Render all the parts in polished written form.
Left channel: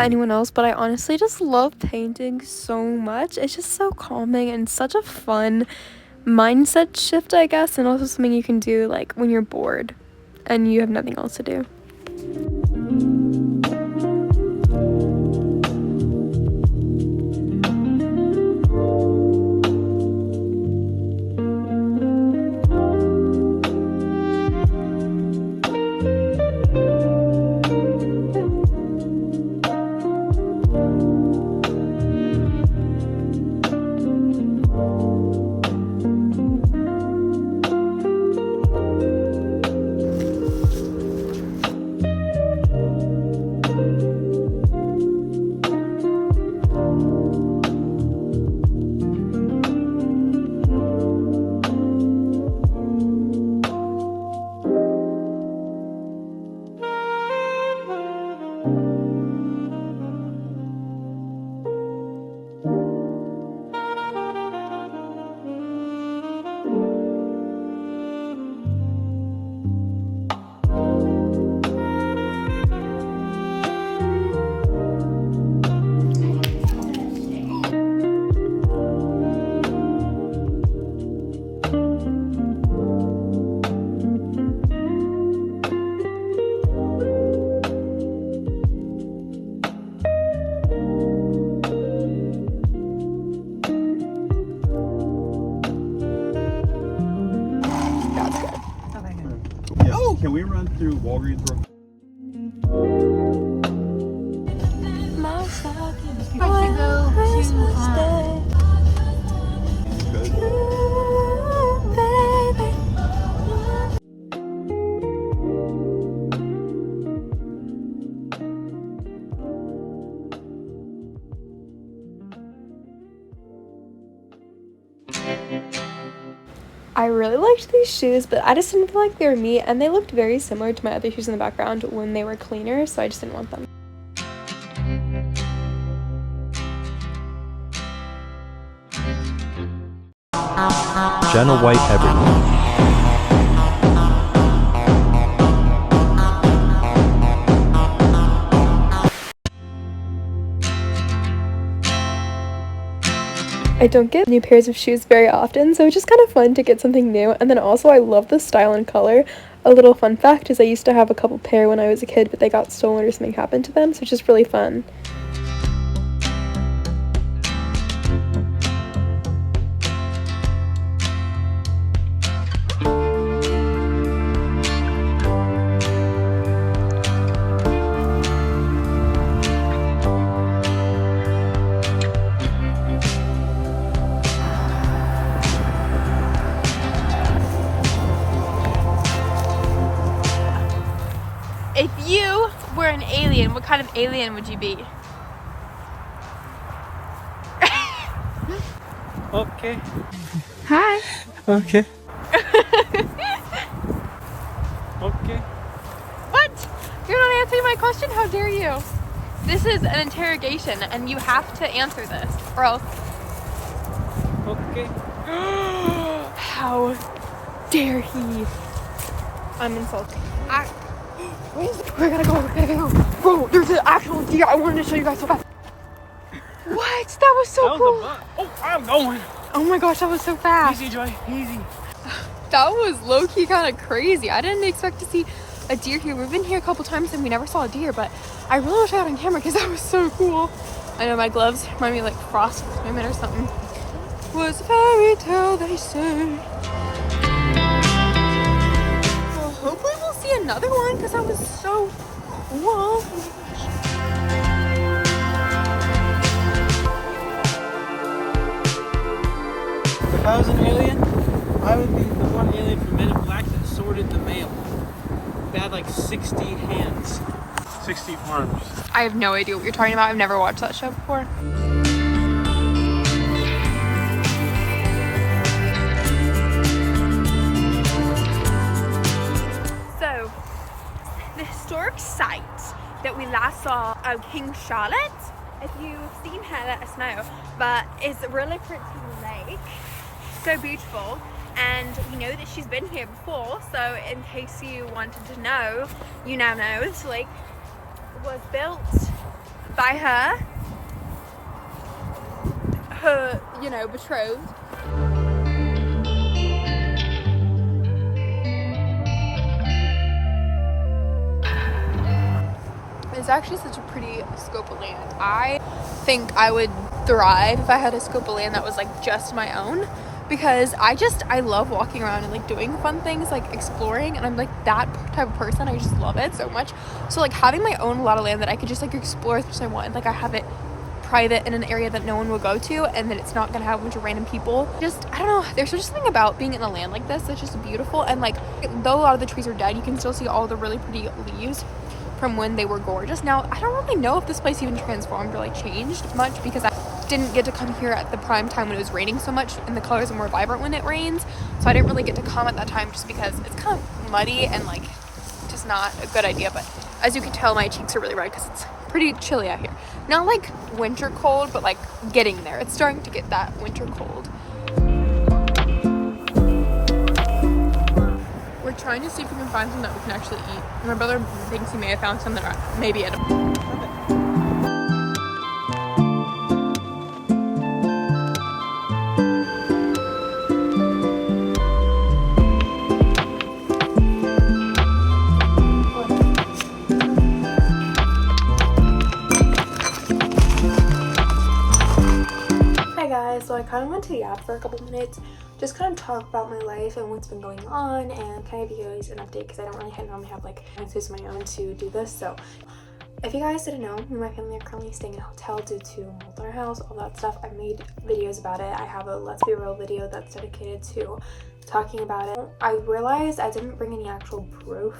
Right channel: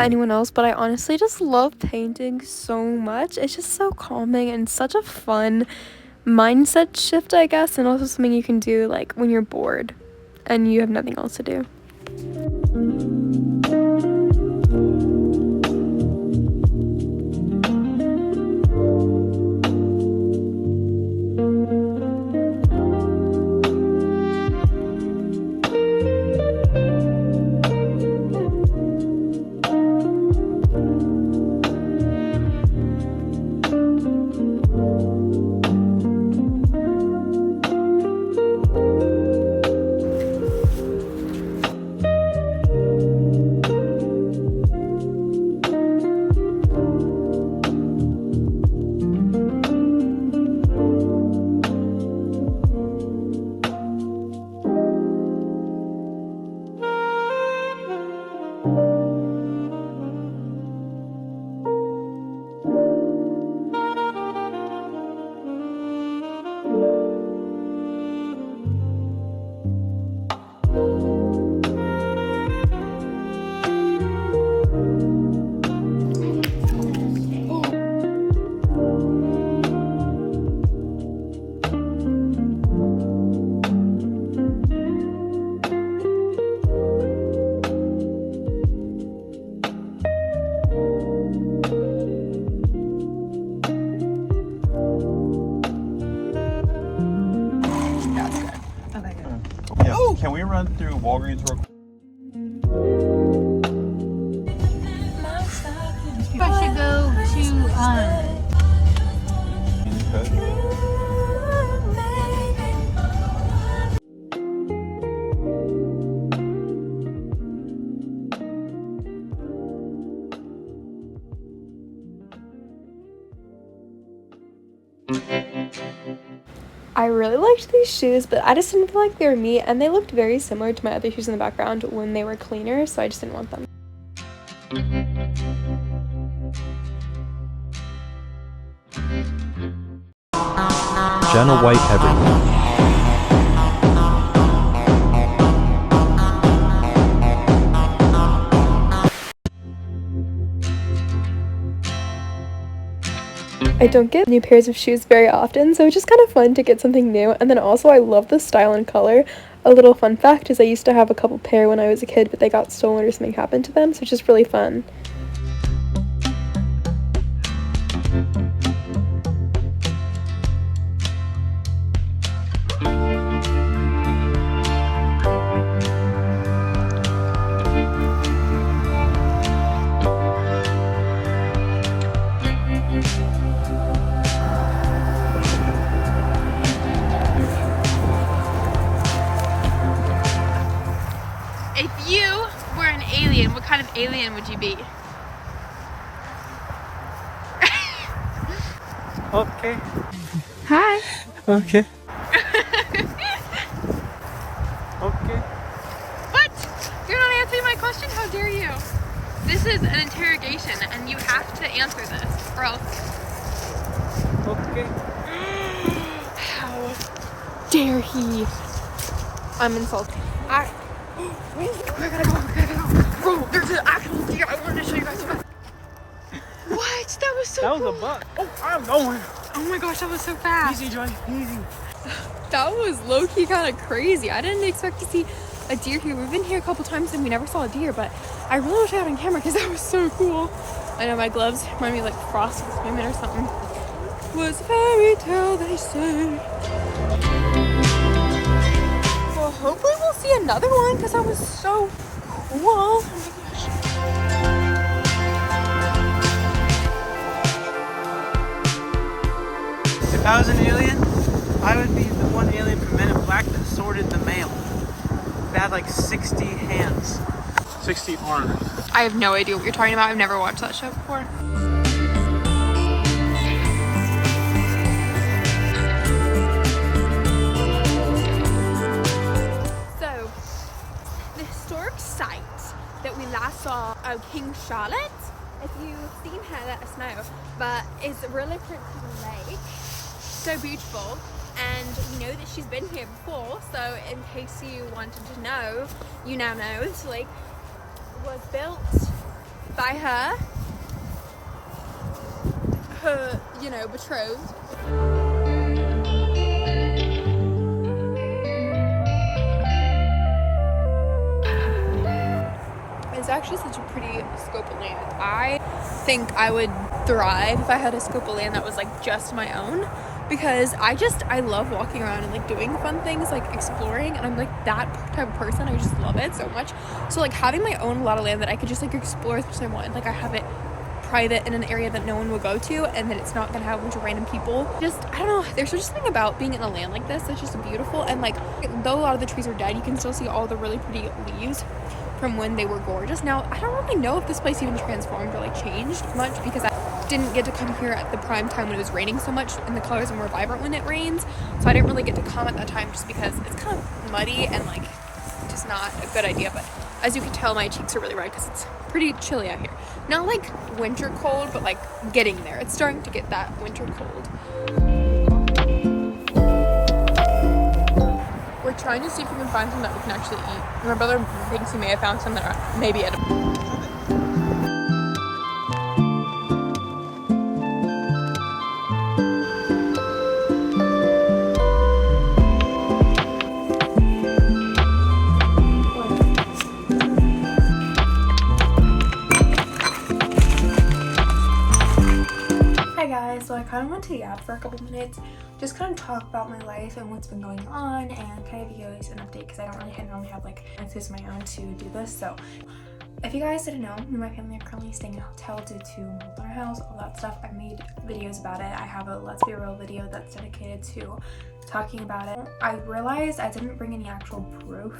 about anyone else, but I honestly just love painting so much. It's just so calming and such a fun mindset shift, I guess, and also something you can do like when you're bored and you have nothing else to do. Can we run through Walgreens real quick? I really liked these shoes, but I just didn't feel like they were me, and they looked very similar to my other shoes in the background when they were cleaner, so I just didn't want them. Jenna White everywhere. I don't get new pairs of shoes very often, so it's just kind of fun to get something new. And then also I love the style and color. A little fun fact is I used to have a couple pair when I was a kid, but they got stolen or something happened to them, so it's just really fun. If you were an alien, what kind of alien would you be? Okay. Hi. Okay. Okay. What? You're not answering my question? How dare you? This is an interrogation and you have to answer this or else. Okay. How dare he? I'm insulted. We gotta go. Bro, there's an actual deer. I wanted to show you guys so fast. What? That was so cool. Oh, I'm going. Oh my gosh, that was so fast. Easy, Joy. Easy. That was low-key kind of crazy. I didn't expect to see a deer here. We've been here a couple times and we never saw a deer, but I really wish I had on camera because that was so cool. I know my gloves remind me of like Frosty the Snowman or something. Was a fairy tale, they say. So hopefully we'll see another one because that was so cool. If I was an alien, I would be the one alien from Men in Black that sorted the mail. That had like 60 hands, 60 arms. I have no idea what you're talking about. I've never watched that show before. So, the historic site that we last saw of King Charlotte, if you've seen her, let us know, but it's a really pretty lake, so beautiful, and we know that she's been here before, so in case you wanted to know, you now know. This lake was built by her, you know, betrothed. It's actually such a pretty scope of land. I think I would thrive if I had a scope of land that was like just my own, because I love walking around and like doing fun things, like exploring, and I'm like that type of person. I just love it so much. So like having my own lot of land that I could just like explore as much as I want, like I have it private in an area that no one will go to, and that it's not gonna have a bunch of random people. Just, I don't know, there's just something about being in a land like this that's just beautiful. And like, though a lot of the trees are dead, you can still see all the really pretty leaves from when they were gorgeous. Now, I don't really know if this place even transformed or like changed much, because I didn't get to come here at the prime time when it was raining so much, and the colors are more vibrant when it rains. So I didn't really get to come at that time just because it's kind of muddy and like just not a good idea. But as you can tell, my cheeks are really red because it's pretty chilly out here. Not like winter cold, but like getting there. It's starting to get that winter cold. We're trying to see if we can find something that we can actually eat. My brother thinks he may have found something that maybe edible. Hi guys, so I kind of went to yap for a couple minutes, just kind of talk about my life and what's been going on, and kind of give you guys an update because I don't really normally have like access of my own to do this. So if you guys didn't know, me and my family are currently staying in a hotel due to mold in our house, all that stuff. I've made videos about it. I have a Let's Be Real video that's dedicated to talking about it. I realized I didn't bring any actual proof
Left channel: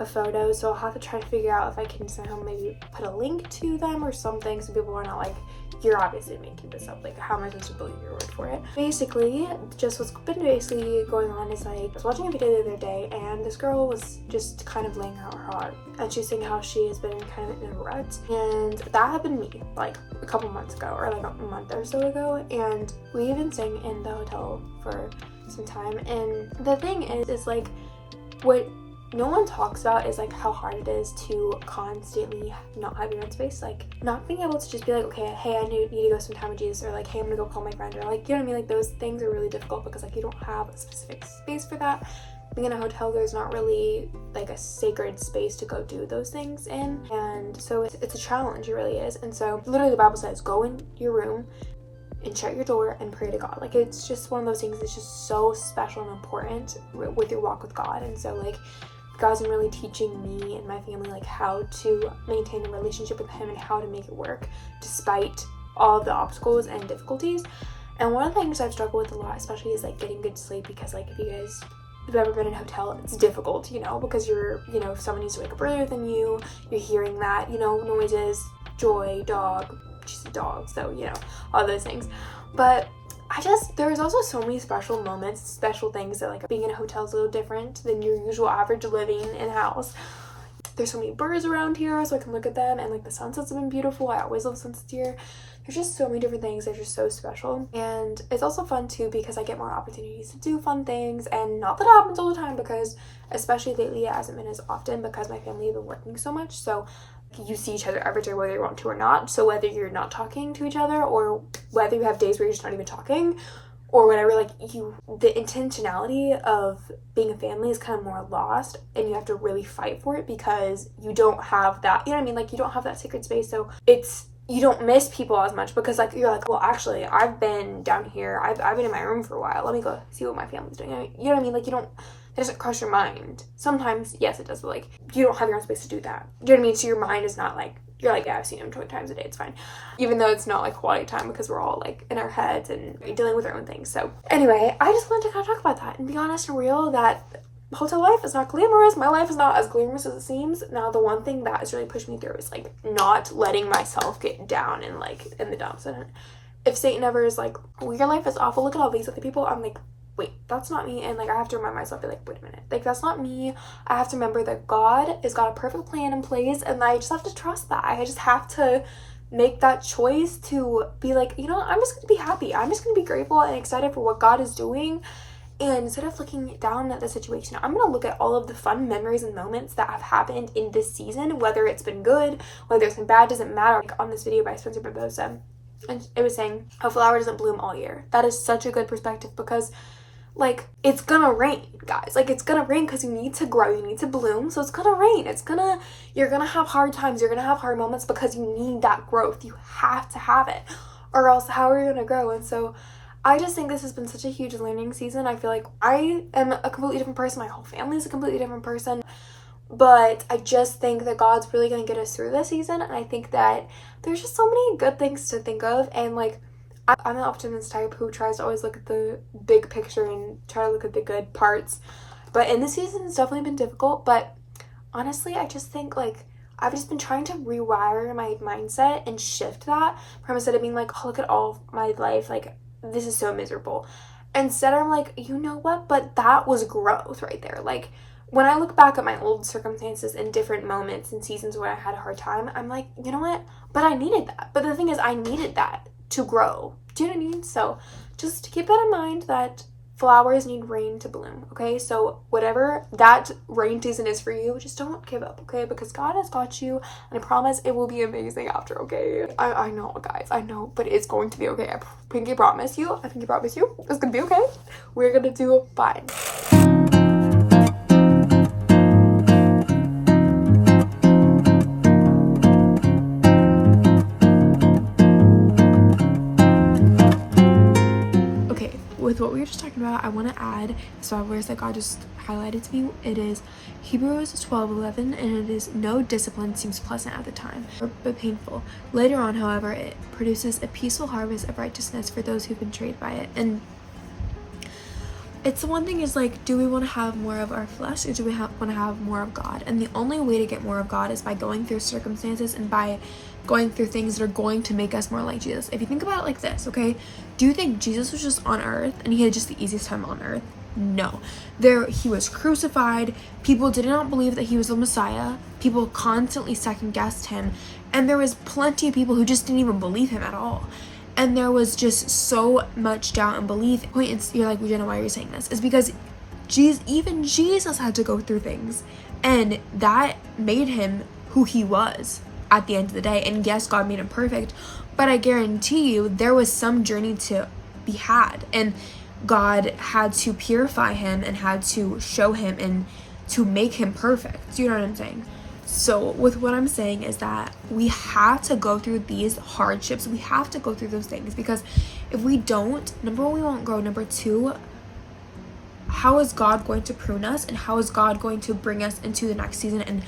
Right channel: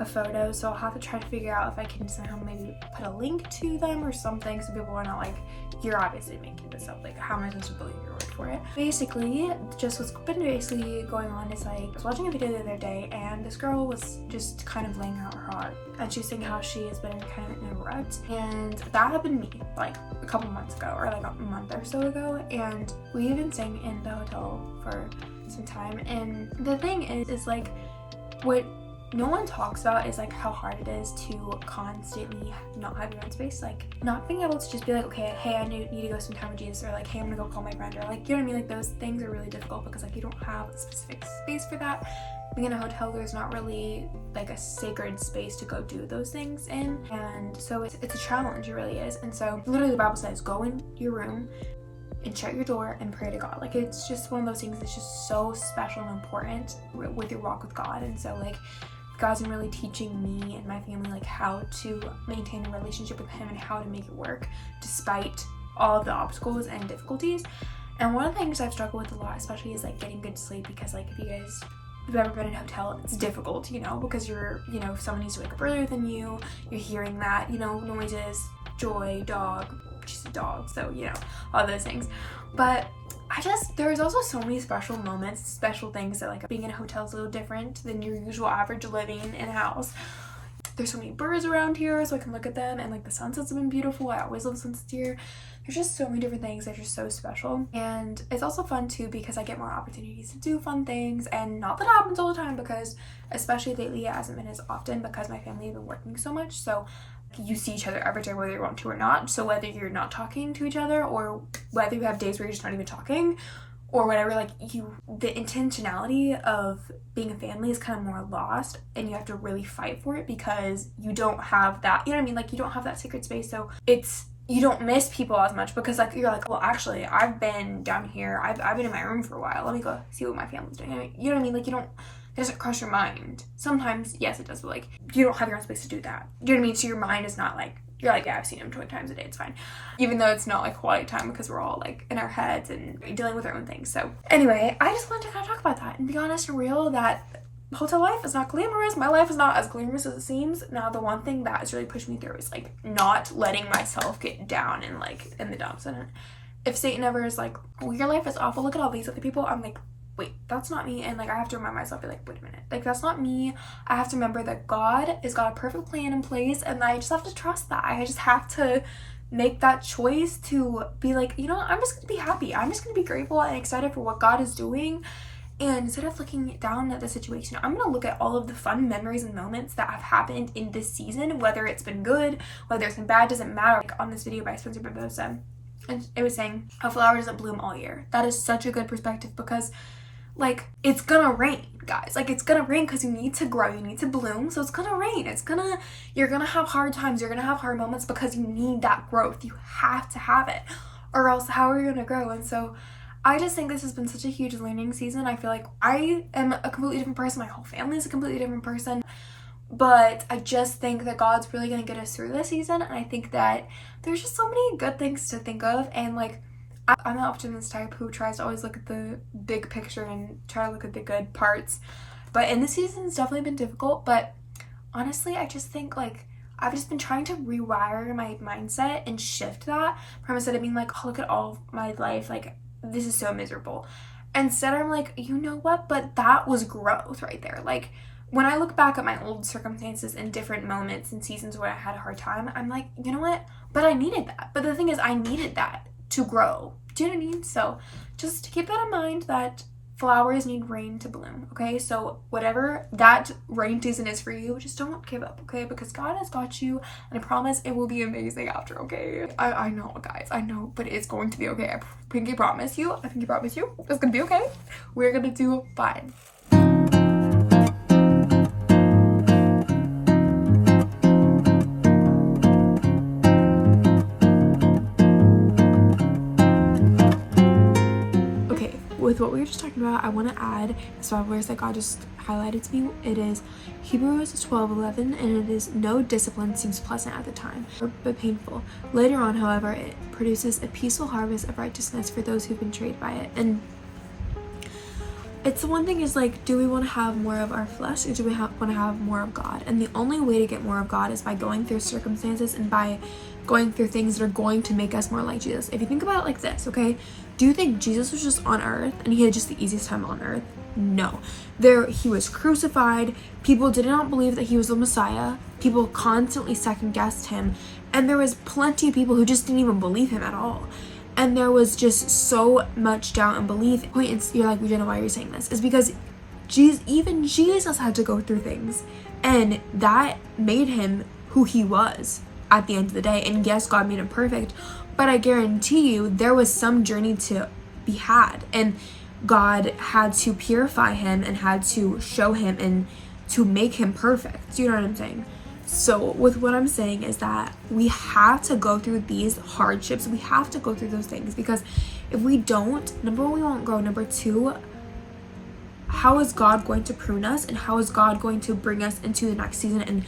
of photos, so I'll have to try to figure out if I can somehow maybe put a link to them or something, so people are not like, you're obviously making this up, like how am I supposed to believe your word for it? Basically, just what's been basically going on is like, I was watching a video the other day and this girl was just kind of laying out her heart, and she's saying how she has been kind of in a rut, and that had been me like a couple months ago, or like a month or so ago, and we've been staying in the hotel for some time. And the thing is like, what no one talks about is like how hard it is to constantly not have your own space, like not being able to just be like, okay, hey, I need to go spend time with Jesus, or like, hey, I'm gonna go call my friend, or like, you know what I mean? Like those things are really difficult because like you don't have a specific space for that. Being in a hotel, there's not really like a sacred space to go do those things in, and so it's a challenge, it really is. And so literally the Bible says, go in your room and shut your door and pray to God. Like it's just one of those things that's just so special and important with your walk with God. And so like, God's been really teaching me and my family like how to maintain a relationship with him and how to make it work despite all of the obstacles and difficulties. And one of the things I've struggled with a lot especially is like getting good sleep, because like if you guys have ever been in a hotel, it's difficult, you know, because you're, you know, if someone needs to wake up earlier than you, you're hearing that, you know, noises, Joy, dog, she's a dog, so you know, all those things. But there's also so many special moments, special things that like being in a hotel is a little different than your usual average living in a house. There's so many birds around here so I can look at them, and like the sunsets have been beautiful. I always love sunsets here. There's just so many different things that are just so special, and it's also fun too because I get more opportunities to do fun things. And not that it happens all the time, because especially lately it hasn't been as often because my family have been working so much, so you see each other every day whether you want to or not. So whether you're not talking to each other, or whether you have days where you're just not even talking, or whatever, like the intentionality of being a family is kind of more lost, and you have to really fight for it because you don't have that, you know what I mean, like you don't have that sacred space. So you don't miss people as much because like you're like, well actually I've been down here, I've been in my room for a while, let me go see what my family's doing. I mean, you know what I mean, like it doesn't cross your mind. Sometimes, yes, it does, but like you don't have your own space to do that. You know what I mean? So your mind is not like, you're like, yeah, I've seen him 20 times a day, it's fine. Even though it's not like quality time because we're all like in our heads and dealing with our own things. So anyway, I just wanted to kind of talk about that and be honest and real that hotel life is not glamorous. My life is not as glamorous as it seems. Now, the one thing that has really pushed me through is like not letting myself get down and like in the dumps. And if Satan ever is like, well, your life is awful, look at all these other people, I'm like, wait, that's not me. And like I have to remind myself, be like, wait a minute, like that's not me. I have to remember that God has got a perfect plan in place, and I just have to trust that. I just have to make that choice to be like, you know, I'm just gonna be happy, I'm just gonna be grateful and excited for what God is doing. And instead of looking down at the situation, I'm going to look at all of the fun memories and moments that have happened in this season, whether it's been good, whether it's been bad, doesn't matter. Like on this video by Spencer Barbosa, and it was saying a flower doesn't bloom all year. That is such a good perspective, because like it's gonna rain, guys. Like it's gonna rain because you need to grow, you need to bloom. So it's gonna rain. You're gonna have hard times, you're gonna have hard moments, because you need that growth. You have to have it, or else how are you gonna grow? And so I just think this has been such a huge learning season. I feel like I am a completely different person. My whole family is a completely different person. But I just think that God's really going to get us through this season. And I think that there's just so many good things to think of. And like, I'm an optimist type who tries to always look at the big picture and try to look at the good parts. But in this season, it's definitely been difficult. But honestly, I just think like, I've just been trying to rewire my mindset and shift that from, instead of being like, oh, look at all of my life, like, this is so miserable. Instead, I'm like, you know what? But that was growth right there. Like, when I look back at my old circumstances in different moments and seasons where I had a hard time, I'm like, you know what? But I needed that. But the thing is, I needed that to grow. Do you know what I mean? So just keep that in mind, that flowers need rain to bloom, okay? So whatever that rain season is for you, just don't give up, okay? Because God has got you, and I promise it will be amazing after, okay? I know, guys, I know, but it's going to be okay. I pinky promise you, it's gonna be okay. We're gonna do fine. With what we were just talking about, I want to add some verse that God just highlighted to me. It is Hebrews 12:11, and it is, no discipline seems pleasant at the time, but painful. Later on, however, it produces a peaceful harvest of righteousness for those who've been trained by it. And it's the one thing is like, do we want to have more of our flesh, or do we want to have more of God? And the only way to get more of God is by going through circumstances and by going through things that are going to make us more like Jesus. If you think about it like this, okay? Do you think Jesus was just on earth and he had just the easiest time on earth? No. He was crucified. People did not believe that he was the Messiah. People constantly second-guessed him. And there was plenty of people who just didn't even believe him at all. And there was just so much doubt and belief. You're like, Jenna, why are you saying this? It's because even Jesus had to go through things. And that made him who he was at the end of the day. And yes, God made him perfect. But I guarantee you, there was some journey to be had. And God had to purify him and had to show him and to make him perfect. Do you know what I'm saying? So with what I'm saying is that we have to go through these hardships. We have to go through those things, because if we don't, number one, we won't grow. Number two, how is God going to prune us, and how is God going to bring us into the next season and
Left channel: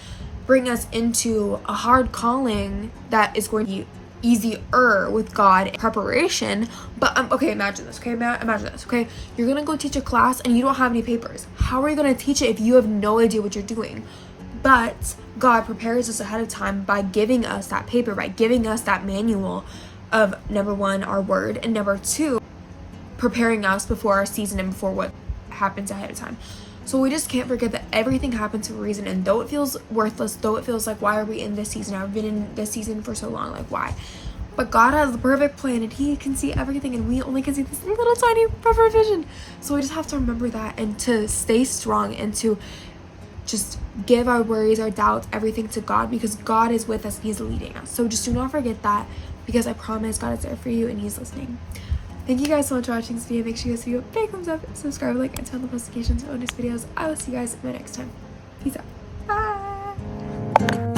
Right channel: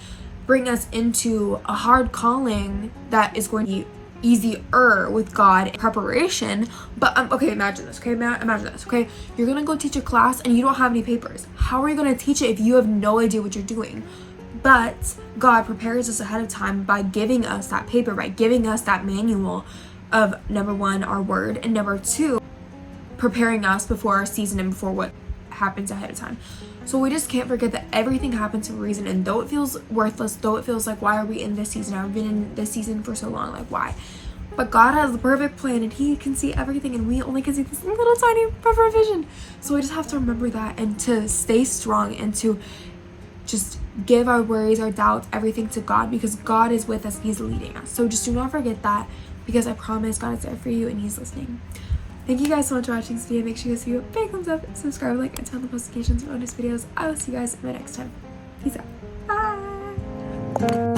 bring us into a hard calling that is going to be easier with God preparation? But okay, imagine this, okay? Imagine this, okay? You're gonna go teach a class and you don't have any papers. How are you gonna teach it if you have no idea what you're doing? But God prepares us ahead of time by giving us that paper, by giving us that manual of, number one, our word, and number two, preparing us before our season and before what happens ahead of time. So we just can't forget that everything happens for a reason. And though it feels worthless, though it feels like, why are we in this season? I've been in this season for so long, like why? But God has the perfect plan, and he can see everything, and we only can see this little tiny peripheral vision. So we just have to remember that, and to stay strong, and to just give our worries, our doubts, everything to God, because God is with us and he's leading us. So just do not forget that, because I promise God is there for you and he's listening. Thank you guys so much for watching this video. Make sure you guys give a big thumbs up, subscribe, like, and turn on the notifications for bonus videos. I will see you guys in the next time. Peace out. Bye.